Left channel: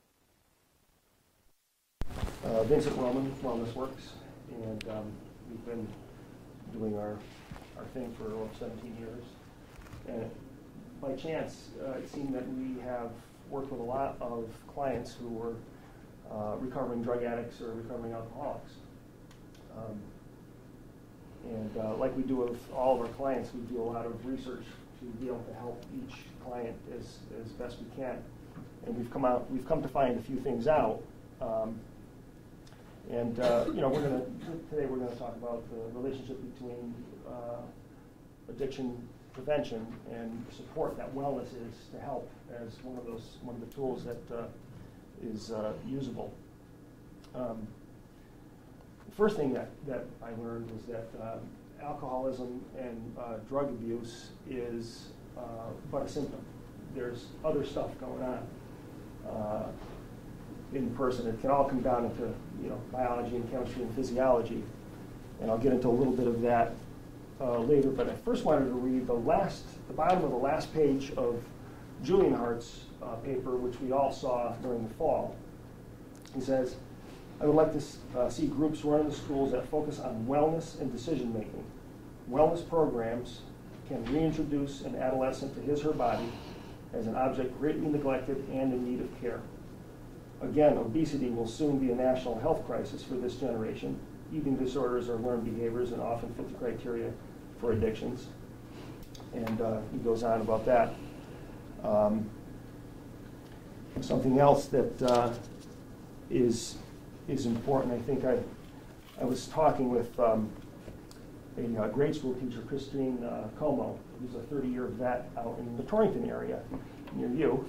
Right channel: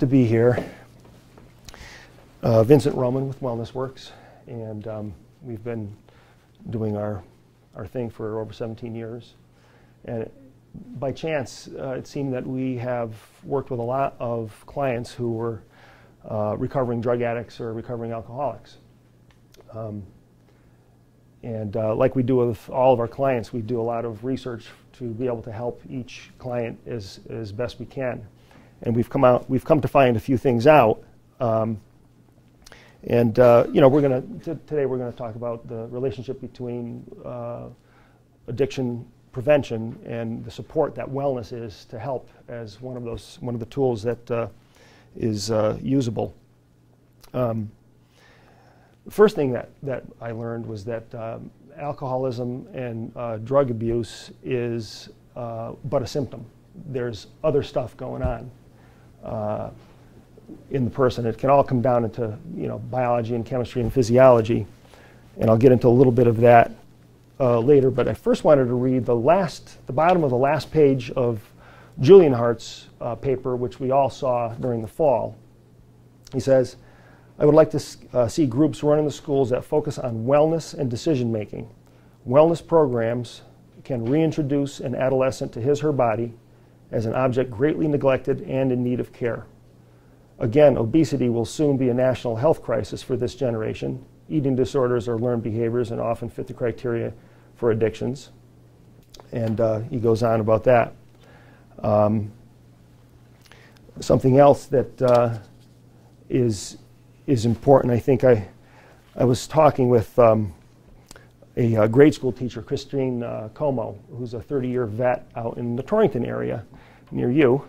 to be here. Vincent with WellnessWorks, and we've been doing our thing for over 17 years. And by chance, it seemed that we have worked with a lot of clients who were recovering drug addicts or recovering alcoholics. Like we do with all of our clients, we do a lot of research to be able to help each client as best we can. And we've come to find a few things out. You know, today we're gonna talk about the relationship between addiction prevention and the support that wellness is to help as one of the tools that is usable. The first thing that I learned was that alcoholism and drug abuse is but a symptom. There's other stuff going on in the person. It can all come down into, you know, biology and chemistry and physiology, and I'll get into a little bit of that later. But I first wanted to read the bottom of the last page of Julian Hart's paper, which we all saw during the fall. He says, "I would like to see groups run in the schools that focus on wellness and decision making. Wellness programs can reintroduce an adolescent to his/her body as an object greatly neglected and in need of care. Again, obesity will soon be a national health crisis for this generation. Eating disorders are learned behaviors and often fit the criteria for addictions." And he goes on about that. Something else that is important, I think I was talking with a grade school teacher, Christine Como, who's a 30-year vet out in the Torrington area near you.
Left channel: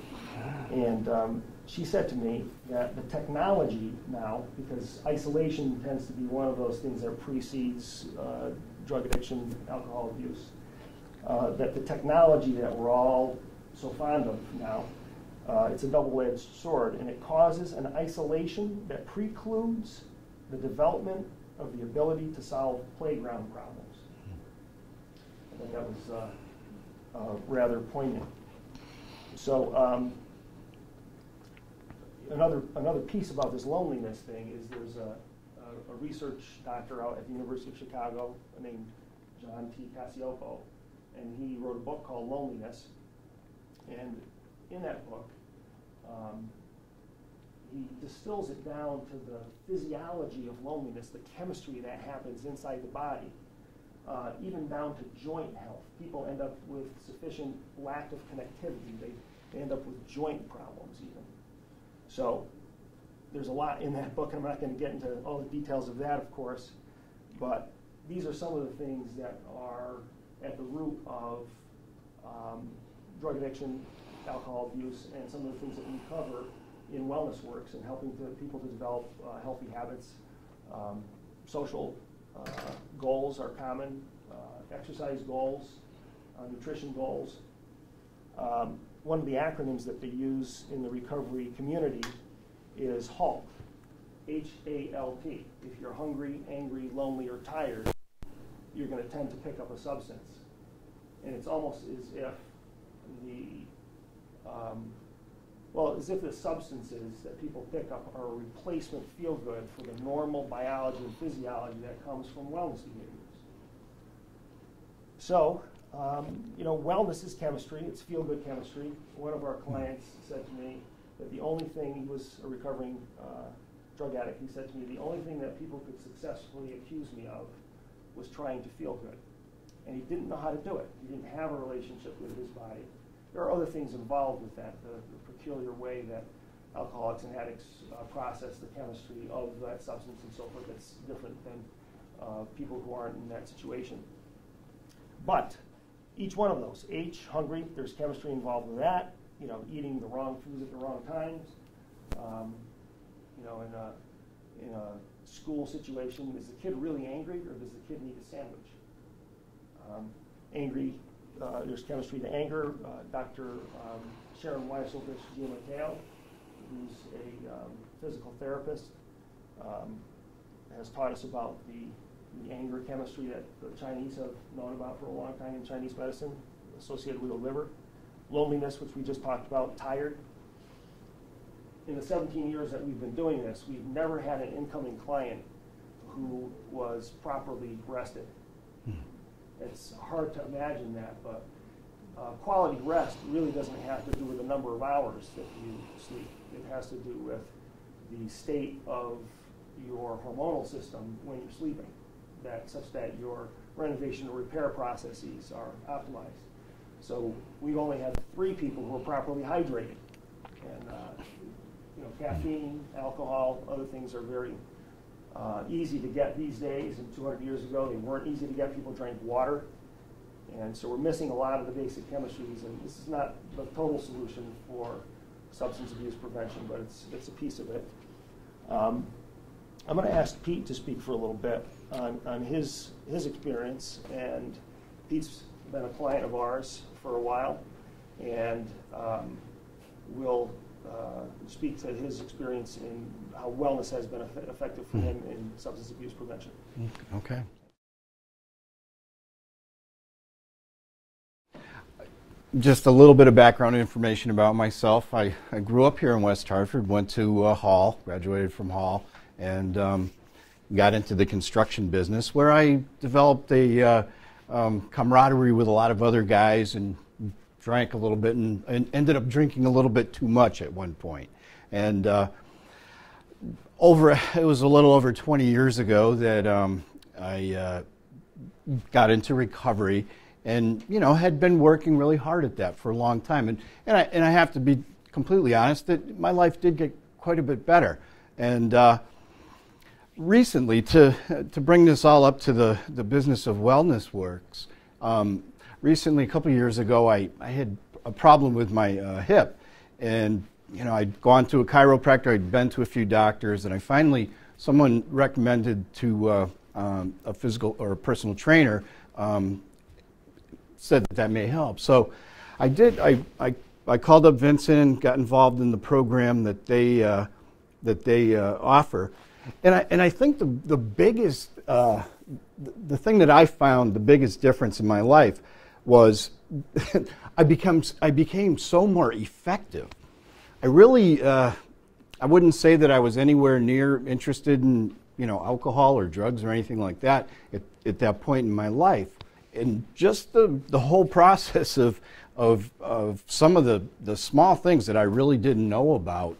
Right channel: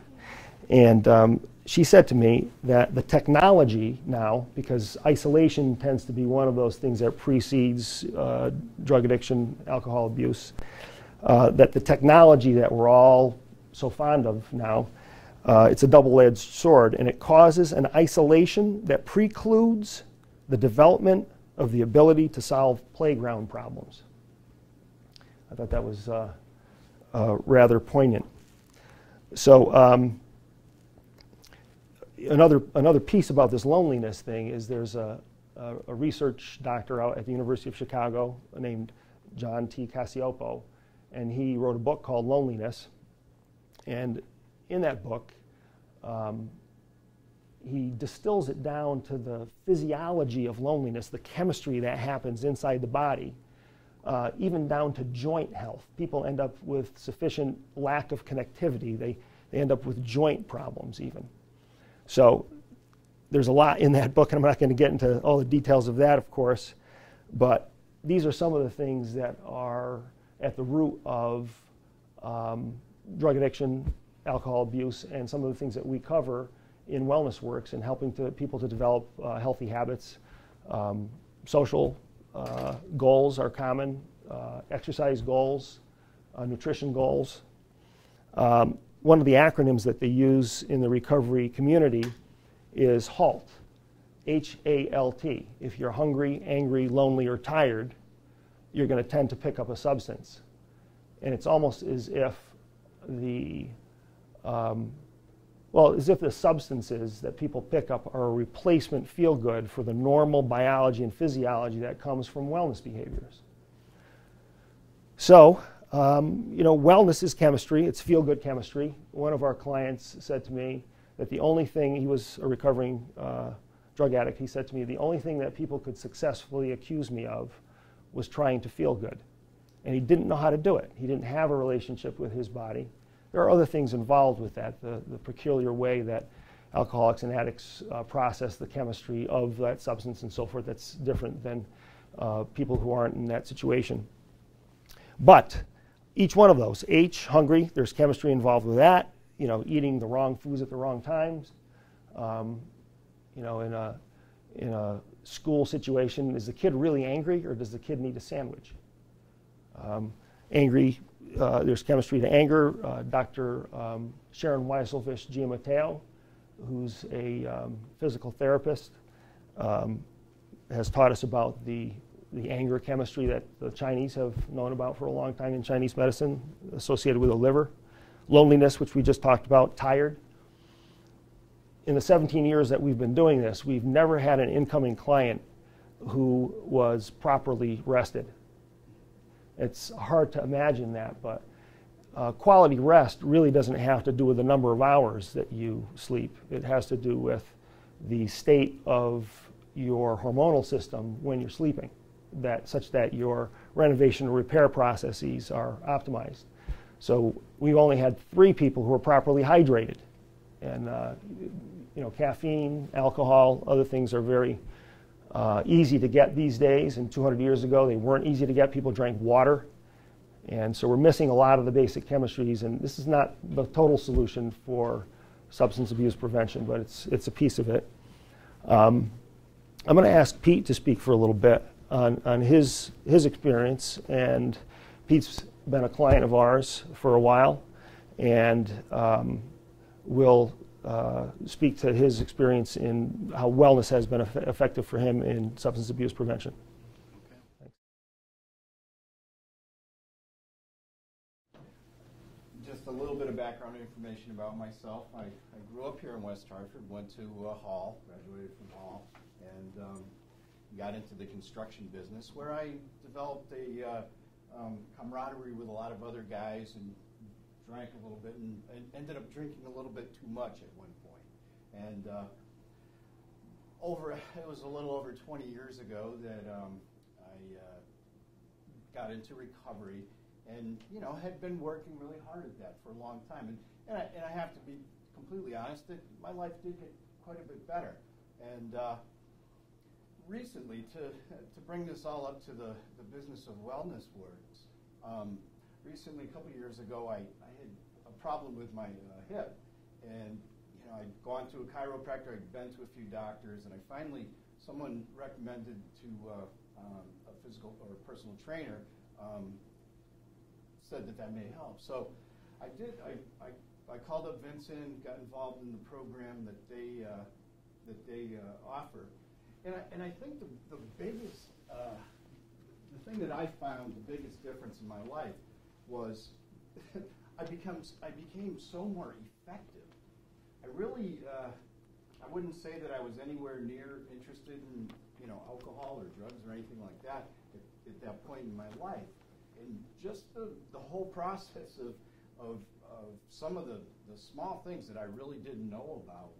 And she said to me that the technology now, because isolation tends to be one of those things that precedes drug addiction, alcohol abuse, that the technology that we're all so fond of now, it's a double-edged sword, and it causes an isolation that precludes the development of the ability to solve playground problems. I thought that was rather poignant. So another piece about this loneliness thing is there's a research doctor out at the University of Chicago named John T. Cacioppo, and he wrote a book called Loneliness. And in that book, he distills it down to the physiology of loneliness, the chemistry that happens inside the body, even down to joint health. People end up with sufficient lack of connectivity. They end up with joint problems even. So there's a lot in that book, and I'm not going to get into all the details of that, of course, but these are some of the things that are at the root of drug addiction, alcohol abuse, and some of the things that we cover in WellnessWorks and helping people to develop healthy habits. Social goals are common, exercise goals, nutrition goals. One of the acronyms that they use in the recovery community is HALT, H-A-L-T. If you're hungry, angry, lonely, or tired, you're going to tend to pick up a substance. And it's almost as if the substances that people pick up are a replacement feel-good for the normal biology and physiology that comes from wellness behaviors. So, you know, wellness is chemistry. It's feel-good chemistry. One of our clients said to me that the only thing, he was a recovering drug addict, he said to me, the only thing that people could successfully accuse me of was trying to feel good. And he didn't know how to do it. He didn't have a relationship with his body. There are other things involved with that, the peculiar way that alcoholics and addicts process the chemistry of that substance and so forth that's different than people who aren't in that situation. But each one of those, H, hungry, there's chemistry involved with that. You know, eating the wrong foods at the wrong times. You know, in a school situation, is the kid really angry or does the kid need a sandwich? Angry, there's chemistry to anger. Dr. Sharon Weisselfish Giammatteo, who's a physical therapist, has taught us about the anger chemistry that the Chinese have known about for a long time in Chinese medicine, associated with the liver. Loneliness, which we just talked about, tired. in the 17 years that we've been doing this, we've never had an incoming client who was properly rested. It's hard to imagine that, but quality rest really doesn't have to do with the number of hours that you sleep. It has to do with the state of your hormonal system when you're sleeping, such that your renovation and repair processes are optimized. So we've only had 3 people who were properly hydrated. And caffeine, alcohol, other things are very easy to get these days. And 200 years ago, they weren't easy to get. People drank water. And so we're missing a lot of the basic chemistries. And this is not the total solution for substance abuse prevention, but it's a piece of it. I'm going to ask Pete to speak for a little bit on his experience. And Pete's been a client of ours for a while, and will speak to his experience in how wellness has been effective for him in substance abuse prevention. Okay. Just a little bit of background information about myself. I grew up here in West Hartford, went to Hall, graduated from Hall, and got into the construction business, where I developed a camaraderie with a lot of other guys and drank a little bit and ended up drinking a little bit too much at one point. And it was a little over 20 years ago that I got into recovery, and had been working really hard at that for a long time. And I have to be completely honest that my life did get quite a bit better. And recently, to bring this all up to the business of WellnessWorks, recently, a couple of years ago, I had a problem with my hip. And I'd gone to a chiropractor, I'd been to a few doctors, and someone recommended to a physical or a personal trainer, said that may help. So I did. I called up Vincent and got involved in the program that they offer. And I think the biggest, the thing that I found the biggest difference in my life was I became so more effective. I really, I wouldn't say that I was anywhere near interested in alcohol or drugs or anything like that at that point in my life. And just the whole process of some of the small things that I really didn't know about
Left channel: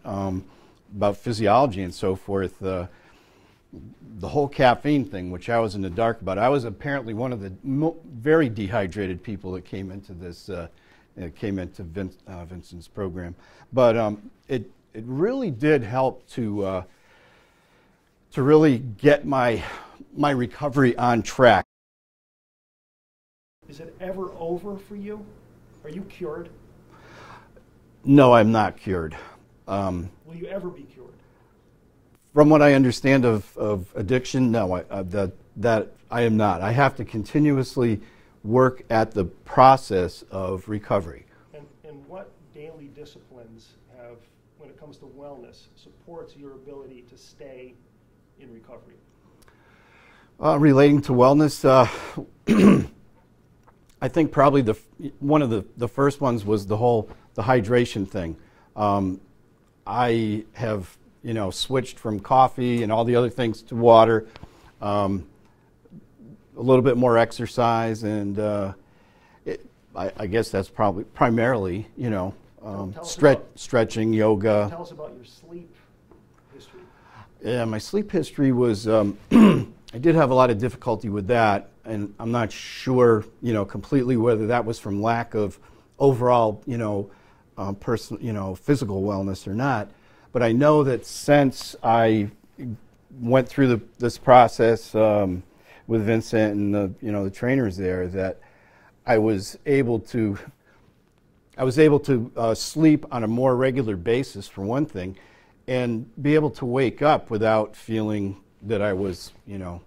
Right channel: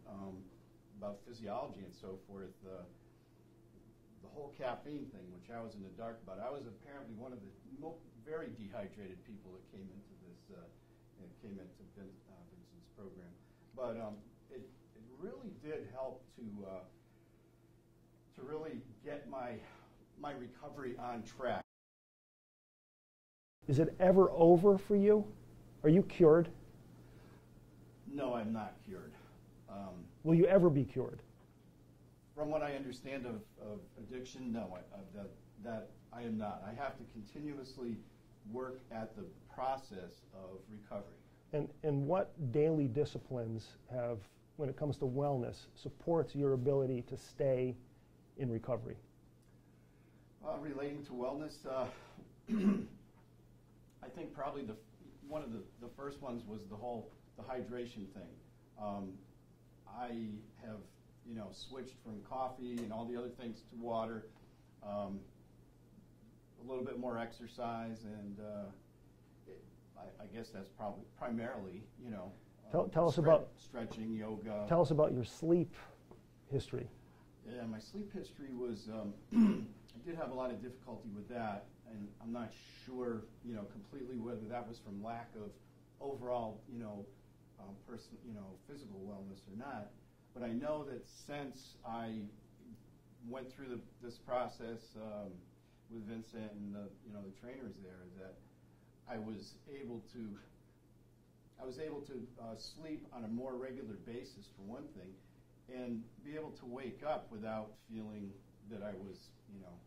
physiology and so forth, the whole caffeine thing, which I was in the dark about. I was apparently one of the very dehydrated people that came into this, Vincent's program. But it really did help to really get my recovery on track. Is it ever over for you? Are you cured? No, I'm not cured. Will you ever be cured? From what I understand of addiction, no, that I am not. I have to continuously work at the process of recovery. And what daily disciplines have, when it comes to wellness, supports your ability to stay in recovery? Relating to wellness, I think probably one of the first ones was the hydration thing. I have switched from coffee and all the other things to water, a little bit more exercise, and I guess that's probably primarily stretching, yoga. Tell us about your sleep history. Yeah, my sleep history was I did have a lot of difficulty with that, and I'm not sure, completely whether that was from lack of overall, physical wellness or not. But I know that since I went through this process with Vincent and the trainers there, that I was able to sleep on a more regular basis, for one thing, and be able to wake up without feeling that I was,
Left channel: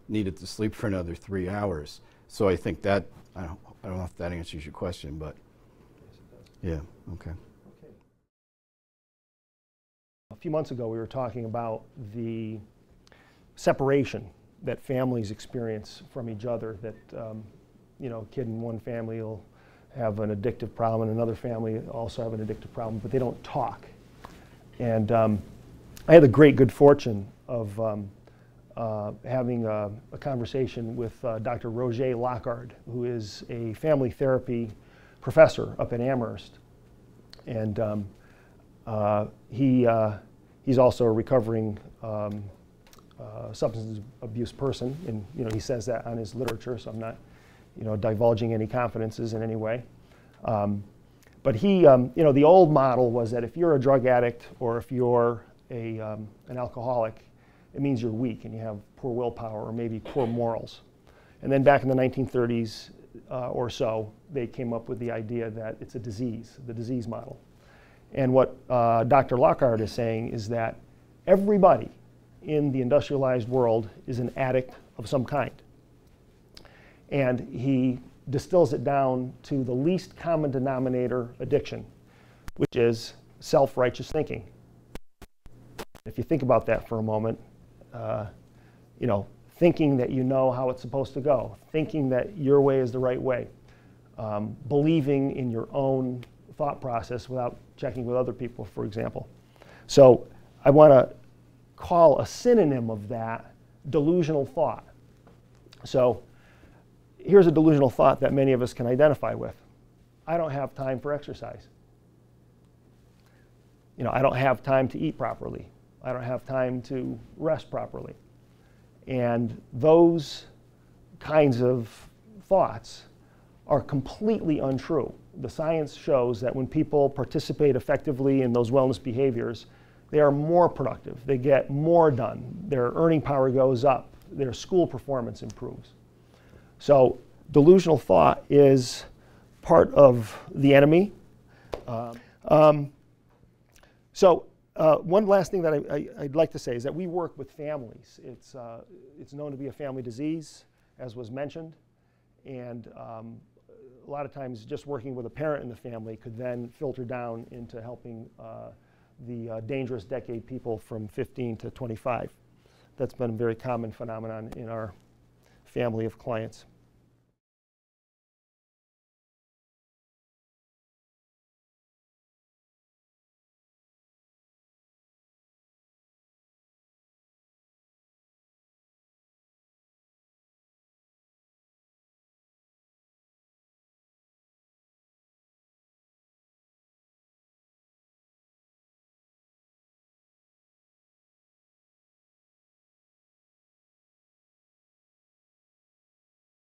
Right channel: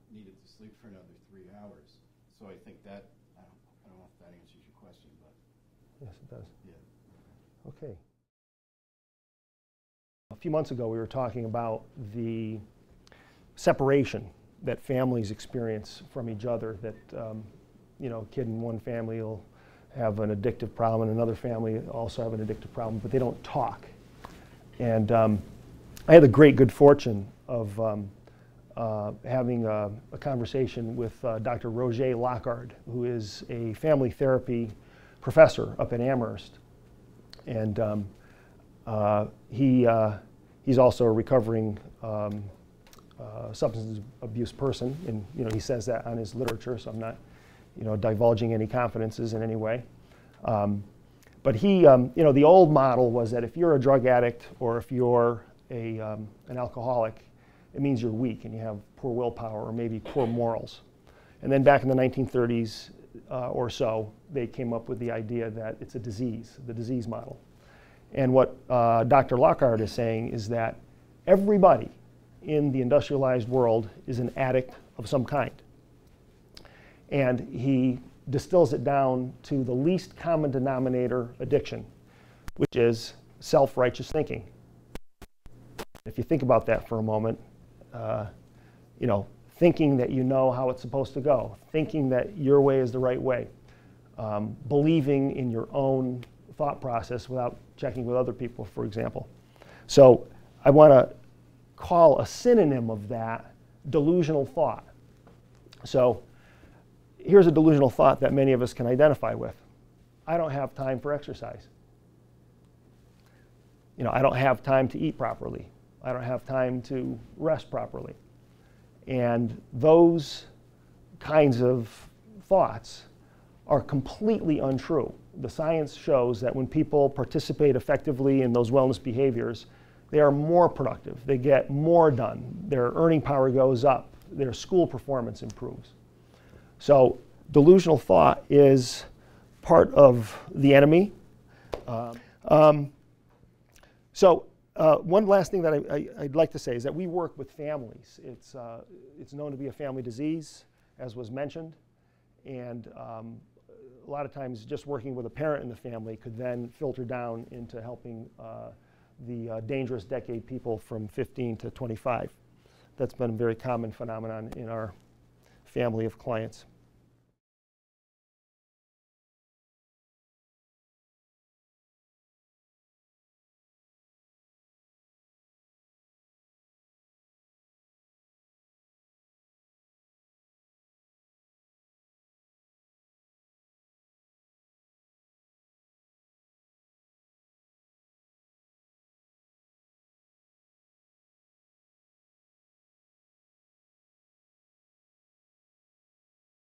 needed to sleep for another 3 hours. So I think that, I don't know if that answers your question, but. Yes, it does. Yeah, okay. Okay. A few months ago, we were talking about the separation that families experience from each other, that, a kid in one family will have an addictive problem and another family also have an addictive problem, but they don't talk. And I had the great good fortune of having a conversation with Dr. Roger Lockhart, who is a family therapy professor up in Amherst. And he's also a recovering substance abuse person, and he says that on his literature, so I'm not divulging any confidences in any way. But he, the old model was that if you're a drug addict or if you're an alcoholic, it means you're weak and you have poor willpower or maybe poor morals. And then back in the 1930s or so, they came up with the idea that it's a disease, the disease model. And what Dr. Lockhart is saying is that everybody in the industrialized world is an addict of some kind. And he distills it down to the least common denominator addiction, which is self-righteous thinking. If you think about that for a moment, thinking that you know how it's supposed to go, thinking that your way is the right way, believing in your own thought process without checking with other people, for example. So I want to call a synonym of that delusional thought. So here's a delusional thought that many of us can identify with. I don't have time for exercise. I don't have time to eat properly. I don't have time to rest properly. And those kinds of thoughts are completely untrue. The science shows that when people participate effectively in those wellness behaviors, they are more productive. They get more done. Their earning power goes up. Their school performance improves. So delusional thought is part of the enemy. One last thing that I'd like to say is that we work with families. It's known to be a family disease, as was mentioned, and a lot of times just working with a parent in the family could then filter down into helping the dangerous decade people from 15 to 25. That's been a very common phenomenon in our family of clients.